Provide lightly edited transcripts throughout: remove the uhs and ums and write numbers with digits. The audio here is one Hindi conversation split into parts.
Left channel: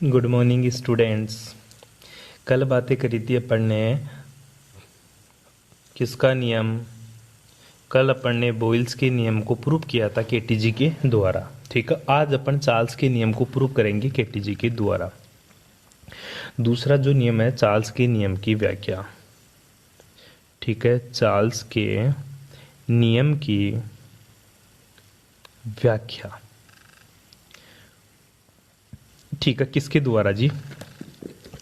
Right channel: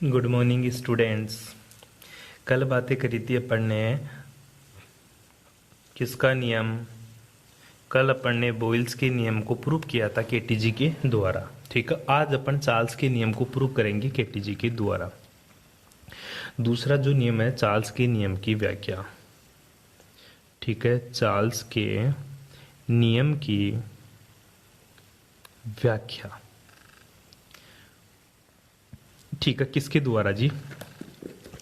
Good morning students. कल बातें करी थी अपन ने किसका नियम। कल अपन ने बॉयल्स के नियम को प्रूव किया था केटीजी के द्वारा। ठीक है, आज अपन चार्ल्स के नियम को प्रूव करेंगे केटीजी के द्वारा। दूसरा जो नियम है चार्ल्स के नियम की व्याख्या। ठीक है, चार्ल्स के नियम की व्याख्या। ठीक है, किसके द्वारा जी?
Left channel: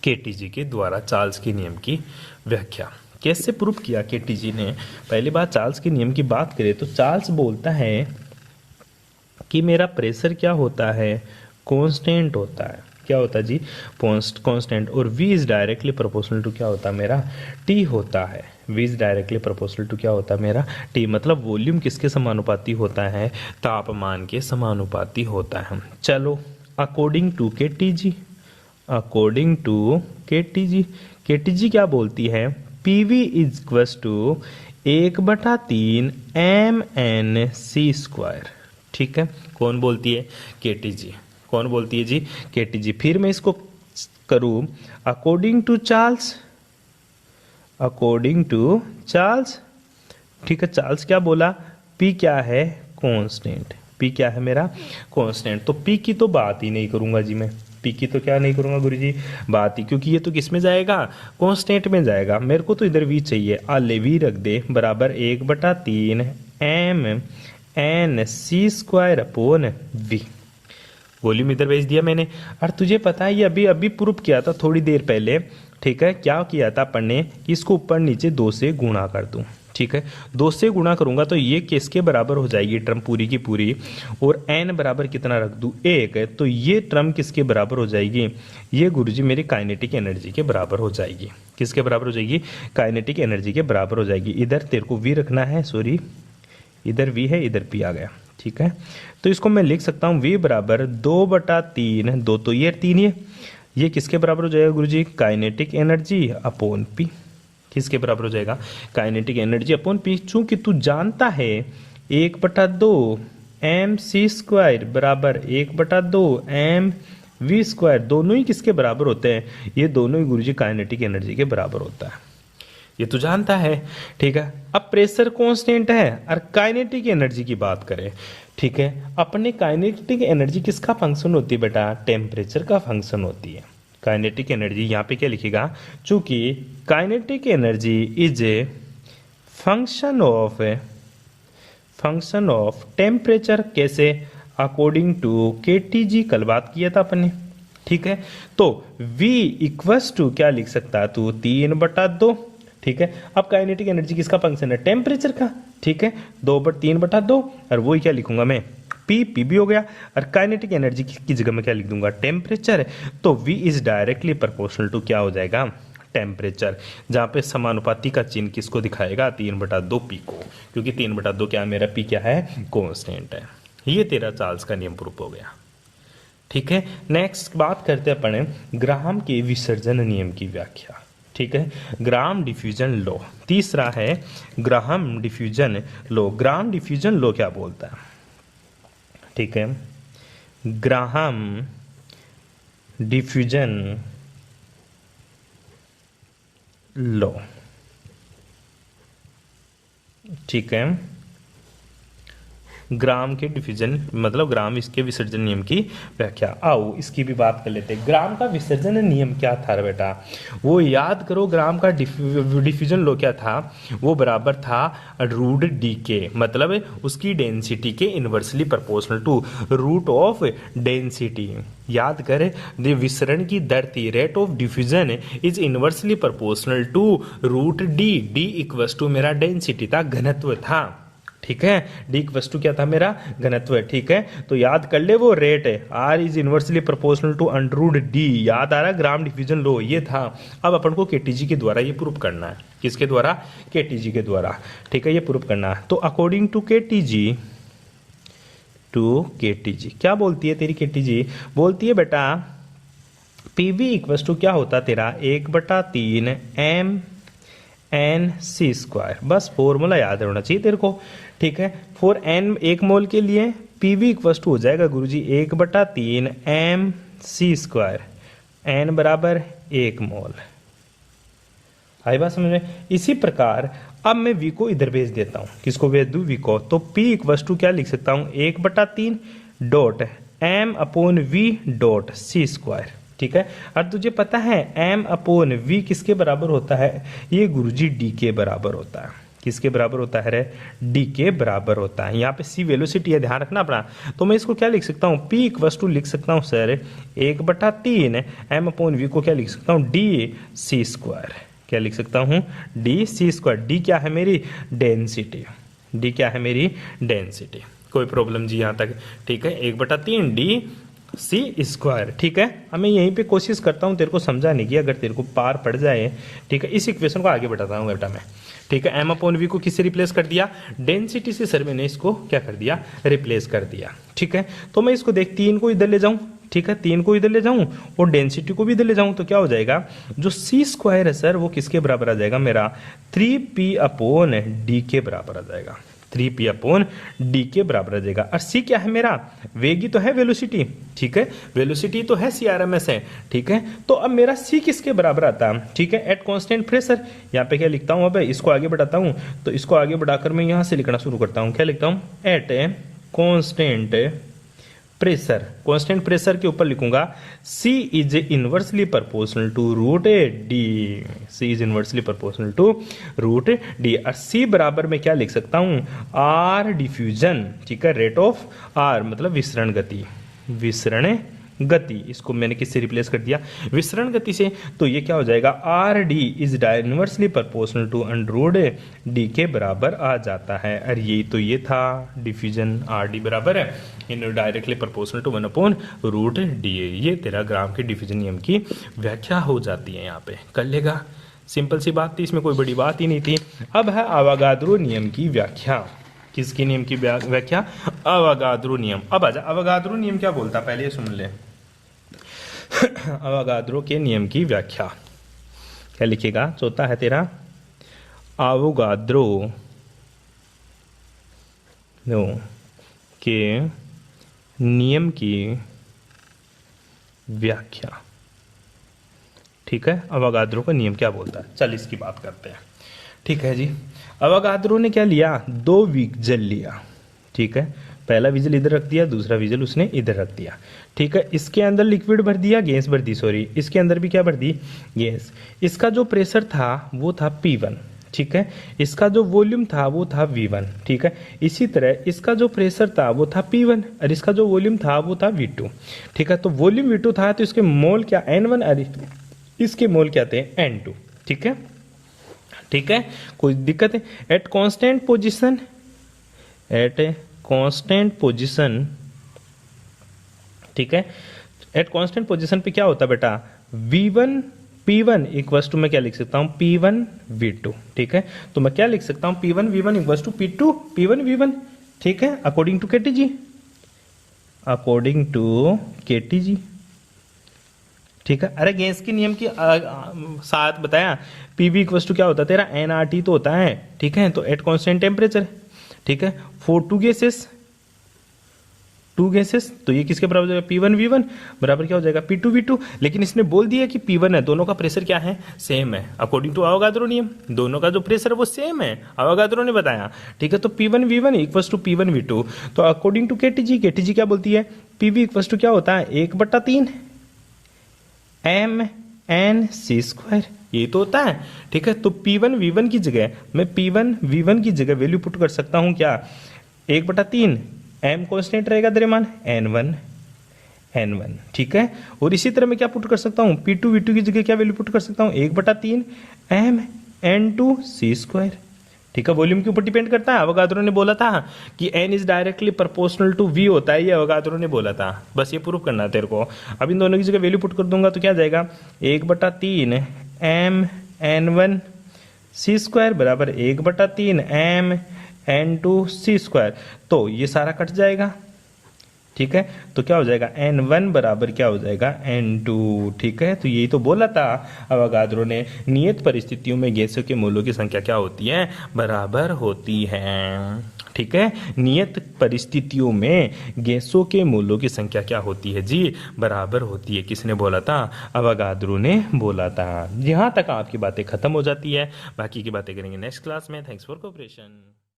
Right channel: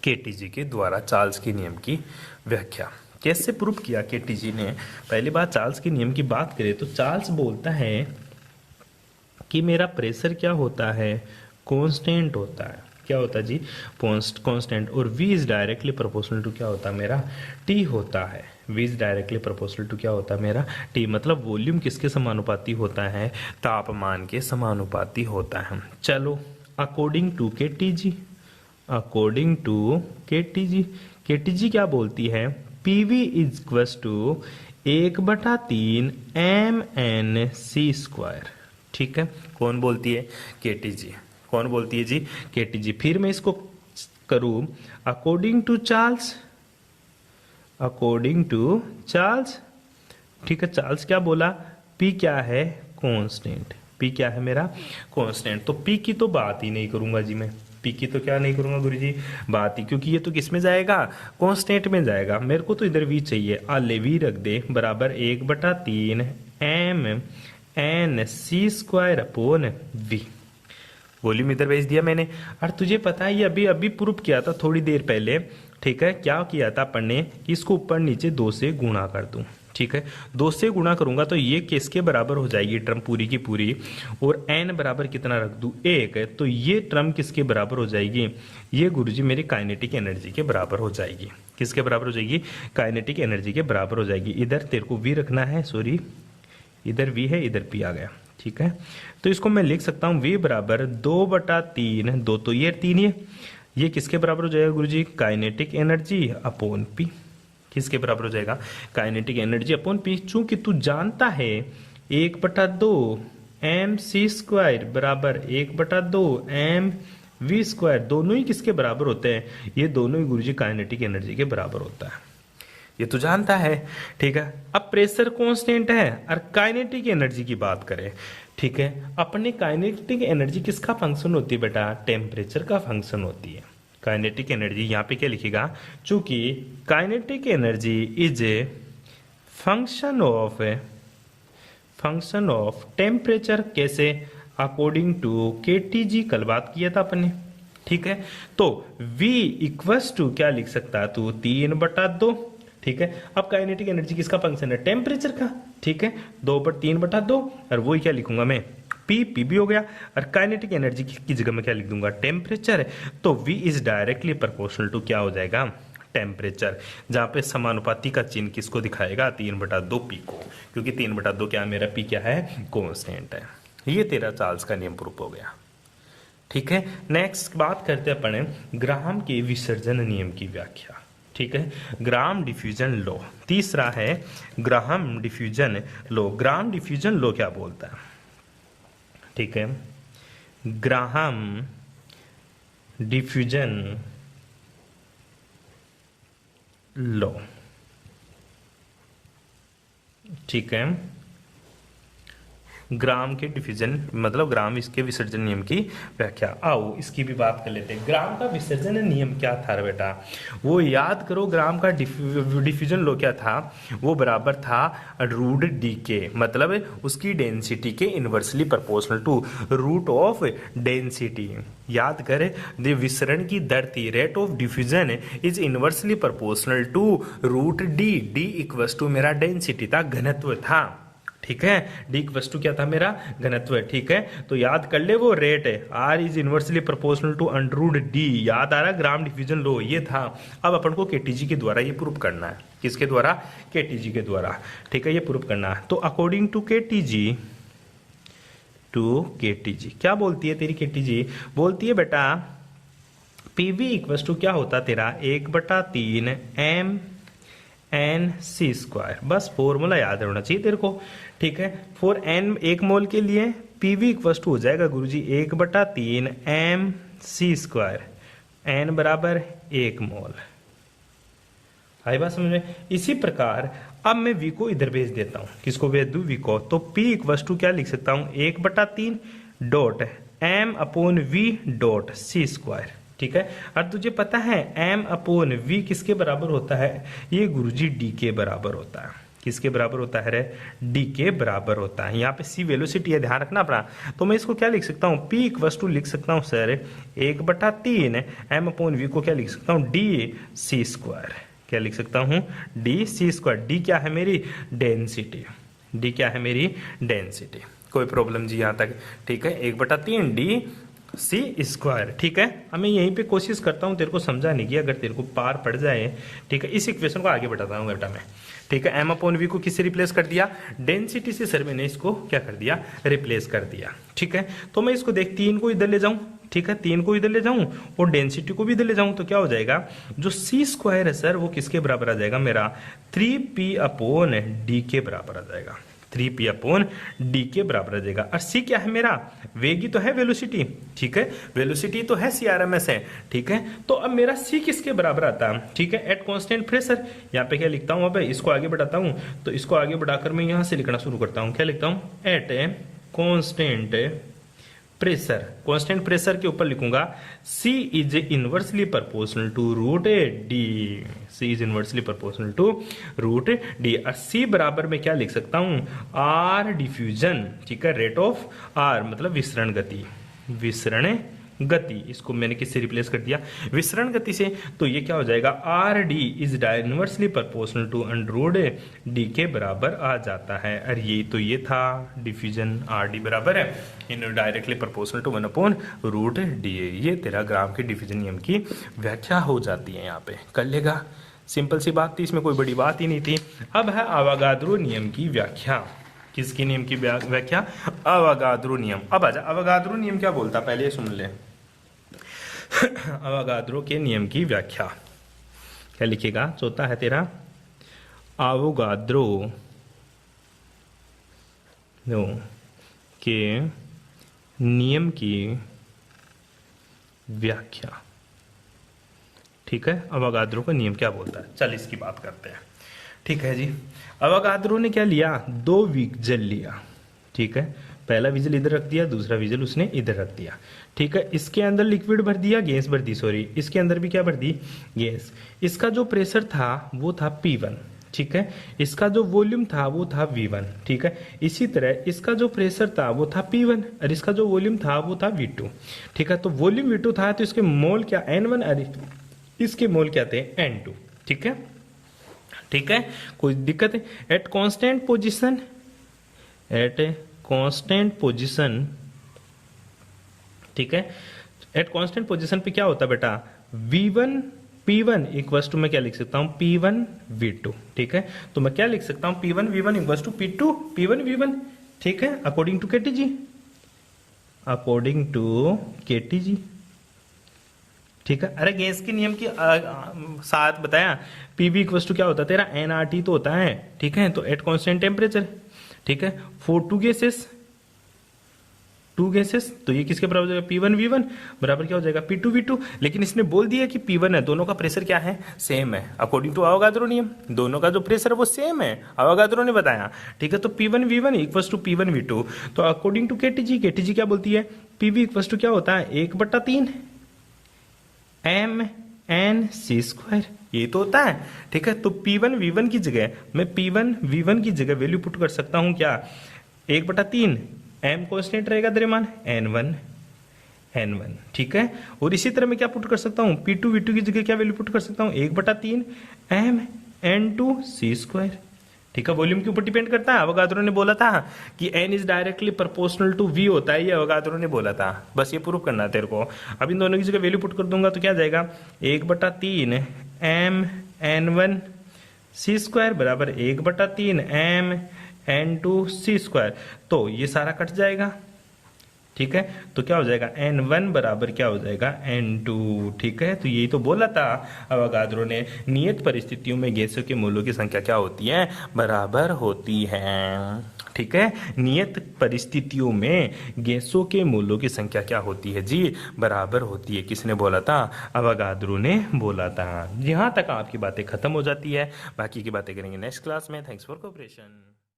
केटीजी के द्वारा चार्ल्स के नियम की व्याख्या। कैसे प्रूव किया केटीजी ने? पहली बात चार्ल्स के नियम की बात करें तो चार्ल्स बोलता है कि मेरा प्रेशर क्या होता है? कांस्टेंट होता है। क्या होता है जी? कांस्टेंट। और V is directly proportional to क्या होता है मेरा? T होता है। V is directly proportional to क्या होता है मेरा? T। मतलब वॉल्यूम किसके समानुपाती होता है? तापमान के समानुपाती होता है। चलो, according to KTG, according to KTG, KTG क्या बोलती है? PV is equal to 1/3 mnc²। ठीक है, कौन बोलती है? केटीजी। कौन बोलती है जी? केटीजी। फिर मैं इसको करूं according to Charles, according to Charles. ठीक है, चार्ल्स क्या बोला? पी क्या है? कांस्टेंट। पी क्या है मेरा? कांस्टेंट। तो पी की तो बात ही नहीं करूंगा जी मैं। पी की तो क्या नहीं करूंगा गुरुजी? बात ही, क्योंकि ये तो किस में जाएगा? कांस्टेंट में जाएगा। मेरे को तो इधर वी चाहिए। आले वी रख दे बराबर 1/3 mnc²/v। वॉल्यूम इधर भेज दिया मैंने। और तुझे पता है ये अभी अभी प्रूफ किया था थोड़ी देर पहले। ठीक है, क्या किया था अपन ने? इसको ऊपर नीचे 2 से गुणा कर दूं। ठीक है, 2 से गुणा करूंगा तो ये किसके बराबर हो जाएगी? टर्म पूरी की पूरी। और n बराबर कितना रख दूं? 1 है। तो ये टर्म किसके बराबर हो जाएगी? ये गुरुजी मेरी काइनेटिक एनर्जी के बराबर हो जाएगी। किसके बराबर हो जाएगी? काइनेटिक एनर्जी के बराबर हो जाएगी। इधर तेरे को v रखना है, सॉरी इधर v है, इधर p आ गया। ठीक है, तो इसको मैं लिख सकता हूँ v बराबर 2/3, 2 तो ये 3 है। ये किसके बराबर हो जाएगा गुरुजी? Kinetic energy upon p। किसके बराबर हो जाएगा? Kinetic energy upon p। चूंकि तू जानता है 1/2 mc² बराबर 1/2 mv², दोनों ही किसके बराबर होते हैं? ये दोनों ही गुरुजी काइनेटिक एनर्जी के बराबर होता है। ये तो जानता है। ठीक है, अब प्रेशर कांस्टेंट है और काइनेटिक एनर्जी की बात करें। ठीक है, अपने काइनेटिक एनर्जी किसका फंक्शन होती है बेटा? टेम्परेचर का फंक्शन होती है। काइनेटिक एनर्जी यहाँ पे क्या लिखेगा? चूंकि kinetic energy is a function of temperature. कैसे? According to KTG. कल बात किया था अपन ने। ठीक है, तो V इक्वल्स टू क्या लिख सकता है तू? 3/2। ठीक है, अब काइनेटिक एनर्जी किसका फंक्शन है? टेम्परेचर का। ठीक है, 3/2 और वही क्या लिखूंगा मैं? पी भी हो गया। और काइनेटिक एनर्जी की जगह में क्या लिख दूंगा? टेम्परेचर। तो V is directly proportional to क्या हो जाएगा? टेम्परेचर। जहां पे समानुपाती का चिन्ह किसको दिखाएगा? 3/2 पी को, क्योंकि 3/2 क्या मेरा पी क्या है? कांस्टेंट है। ये तेरा चार्ल्स का नियम प्रूफ हो गया। ठीक है, नेक्स्ट बात करते हैं अपन ग्राहम के विसर्जन नियम की व्याख्या। ठीक है, ग्राहम डिफ्यूजन लॉ। तीसरा है Graham diffusion law. Graham diffusion law क्या बोलता है? ठीक है, ग्राहम डिफ्यूजन लॉ। ठीक है, ग्राम के डिफ्यूजन मतलब ग्राम इसके विसर्जन नियम की व्याख्या। आओ इसकी भी बात कर लेते हैं। ग्राम का विसर्जन नियम क्या था बेटा? वो याद करो। ग्राम का डिफ्यूजन लो क्या था? वो बराबर था √d के, मतलब उसकी डेंसिटी के inversely proportional to root of density. याद कर, विसरण की दर थी, rate of diffusion is inversely proportional to √d। d equal to मेरा डेंसिटी था, घनत्व था। ठीक है, डी वस्तु क्या था मेरा? घनत्व है। ठीक है, तो याद कर ले वो रेट है, R is inversely proportional to √d। याद आ रहा है? ग्राम डिफ्यूजन लो ये था। अब अपन को केटीजी के द्वारा ये प्रूव करना है। किसके द्वारा? केटीजी के द्वारा। ठीक है, ये प्रूव करना है। तो अकॉर्डिंग टू केटीजी, क्या बोलती है तेरी केटीजी? बोलती है बेटा पीवी इक्वल टू क्या होता तेरा? 1/3 mnc²। बस फॉर्मूला याद होना चाहिए तेरे को। ठीक है, फॉर n 1 मोल के लिए पीवी इक्वल टू हो जाएगा गुरुजी 1/3 mc²। n बराबर 1 मोल। आई बात समझ में? इसी प्रकार अब मैं v को इधर भेज देता हूं। किसको भेज दूं? v को। तो p इक्वस टू क्या लिख सकता हूं? 1/3 dot m upon v dot c square. ठीक है। और तुझे पता है m अपॉन v किसके बराबर होता है? ये गुरुजी d के बराबर होता है। किसके बराबर होता है रे? d के बराबर होता है। यहाँ पे c वेलोसिटी है, ध्यान रखना अपना। तो मैं इसको क्या लिख सकता हूँ? p इक्वस टू लिख सकता हूँ सर 1/3 m अपॉन v को क्या लिख सकता हूँ? d c square. क्या लिख सकता हूँ? d c square. d क्या है मेरी? डेंसिटी। d क्या है मेरी? डेंसिटी। कोई प्रॉब्लम जी यहाँ तक? ठीक है। 1/3 d सी स्क्वायर। ठीक है। अब मैं यहीं पे कोशिश करता हूँ तेरे को समझाने की, अगर तेरे को पार पड़ जाए। ठीक है। इस इक्वेशन को आगे बढ़ाता हूँ बेटा मैं। ठीक है। m अपॉन वी को किससे रिप्लेस कर दिया? डेंसिटी से सर मैंने इसको क्या कर दिया? रिप्लेस कर दिया। ठीक है। तो मैं इसको देख 3 को इधर ले जाऊं। ठीक है। 3 को इधर ले जाऊं और डेंसिटी को भी इधर ले जाऊं तो क्या हो जाएगा? जो सी स्क्वायर है सर वो किसके बराबर आ जाएगा? मेरा 3p अपॉन डी के बराबर आ जाएगा। 3p अपॉन डी के बराबर आ जाएगा। और c क्या है मेरा? वेग ही तो है, वेलोसिटी। ठीक है। वेलोसिटी तो है, CRMS है। ठीक है। तो अब मेरा c किसके बराबर आता है? ठीक है। Eight constant pressure. यहाँ पे क्या लिखता हूँ? अब इसको आगे बढ़ाता हूँ। तो इसको आगे बढ़ाकर मैं यहाँ से लिखना शुरू करता हूँ। क्या लिखता हूँ? At constant pressure. Constant pressure के ऊपर लिखूंगा C is inversely proportional to root D. C is inversely proportional to root D. और C बराबर में क्या लिख सकता हूं? R diffusion. ठीक है। रेट ऑफ R मतलब विसरण गति। विसरण गति, इसको मैंने किससे रिप्लेस कर दिया? विसरण गति से। तो ये क्या हो जाएगा? R D is inversely proportional to underroot D के बराबर आ जाता है। और ये तो ये था डिफ्यूजन, आर डी बराबर है इन डायरेक्टली प्रोपोर्शनल टू 1/रूट डी। ये तेरा ग्राम के डिफ्यूजन नियम की व्याख्या हो जाती है। यहाँ पे कर लेगा, सिंपल सी बात थी, इसमें कोई बड़ी बात ही नहीं थी। अब है अवोगाद्रो नियम की व्याख्या। किसके नियम की व्याख्या? अवोगाद्रो नियम। अब आजा, अवोगाद्रो नियम क्या बोलता है पहले सुन ले। अवोगाद्रो के नियम की व्याख्या क्या लिखेगा? चौथा है तेरा अवोगाद्रो के नियम की व्याख्या। ठीक है। अवोगाद्रो का नियम क्या बोलता है? चल इसकी बात करते हैं। ठीक है जी। अवोगाद्रो ने क्या लिया? 2 विजल लिया। ठीक है। पहला विजल इधर रख दिया, दूसरा विजल उसने इधर रख दिया। ठीक है। इसके अंदर लिक्विड भर दिया, गैस भर दी, सॉरी इसके अंदर भी क्या भर दी? गैस। इसका जो प्रेशर था वो था P1। ठीक है। इसका जो वॉल्यूम था वो था V1। ठीक है। इसी तरह इसका जो प्रेशर था वो था P1 और इसका जो वॉल्यूम था वो था V2। ठीक है। तो वॉल्यूम V2 था तो इसके मोल क्या? N1 और इसके मोल क्या थे? N2। ठीक है। ठीक है। कोई दिक्कत है? At constant position, at constant position. ठीक है। एट कांस्टेंट पोजीशन पे क्या होता है बेटा? V1 P1 इक्वल्स टू मैं क्या लिख सकता हूं? P1 V2। ठीक है। तो मैं क्या लिख सकता हूं? P1 V1 equals to P2 P1 V1। ठीक है। According to KTG, according to KTG। ठीक है। अरे गैस के नियम की साथ बताया। पीवी इक्वल्स टू क्या होता है तेरा? NRT तो होता है। ठीक है। तो एट कांस्टेंट टेम्परेचर। ठीक है। फॉर टू गैसेस तो ये किसके बराबर हो जाएगा? P1 V1 बराबर क्या हो जाएगा? P2 V2। लेकिन इसने बोल दिया कि P1 है, दोनों का प्रेशर क्या है? सेम है। अकॉर्डिंग टू अवोगाद्रो नियम दोनों का जो प्रेशर है वो सेम है, अवोगाद्रो ने बताया। ठीक है। तो P1 V1 equals to P1 V2। तो अकॉर्डिंग टू KTG क्या बोलती है? PV इक्वल्स टू क्या होता है? 1/3 MnC स्क्वायर। ये तो होता है। ठीक है। तो P1 V1 की जगह मैं P1 V1 की जगह वैल्यू पुट कर सकता हूं क्या? 1/3 M कांस्टेंट रहेगा द्रव्यमान N1। ठीक है। और इसी तरह मैं क्या पुट कर सकता हूं? P2 V2 की जगह क्या वैल्यू पुट कर सकता हूं? 1/3 MN2C स्क्वायर। ठीक है। वॉल्यूम के ऊपर डिपेंड करता है। अवोगाद्रो ने बोला था कि N is directly proportional to V होता है, ये अवोगाद्रो ने बोला था। बस ये प्रूव करना है तेरे को। अब इन दोनों की जगह वैल्यू पुट कर दूंगा तो क्या जाएगा? 1/3 MN1C स्क्वायर बराबर 1/3 MN2C स्क्वायर। तो ये सारा कट जाएगा। ठीक है। तो क्या हो जाएगा? N1 बराबर क्या हो जाएगा? N2। ठीक है। तो यही तो बोला था अवोगाद्रो ने, नियत परिस्थितियों में गैसों के मोलों की संख्या क्या होती है? बराबर होती है। ठीक है, नियत परिस्थितियों में गैसों के मोलों की संख्या क्या होती है जी? बराबर होती है। किसने बोला था? अवोगाद्रो ने बोला था। यहाँ तक आपकी बातें खत्म हो जाती है, बाकी की बातें करेंगे नेक्स्ट क्लास में। Thanks for cooperation.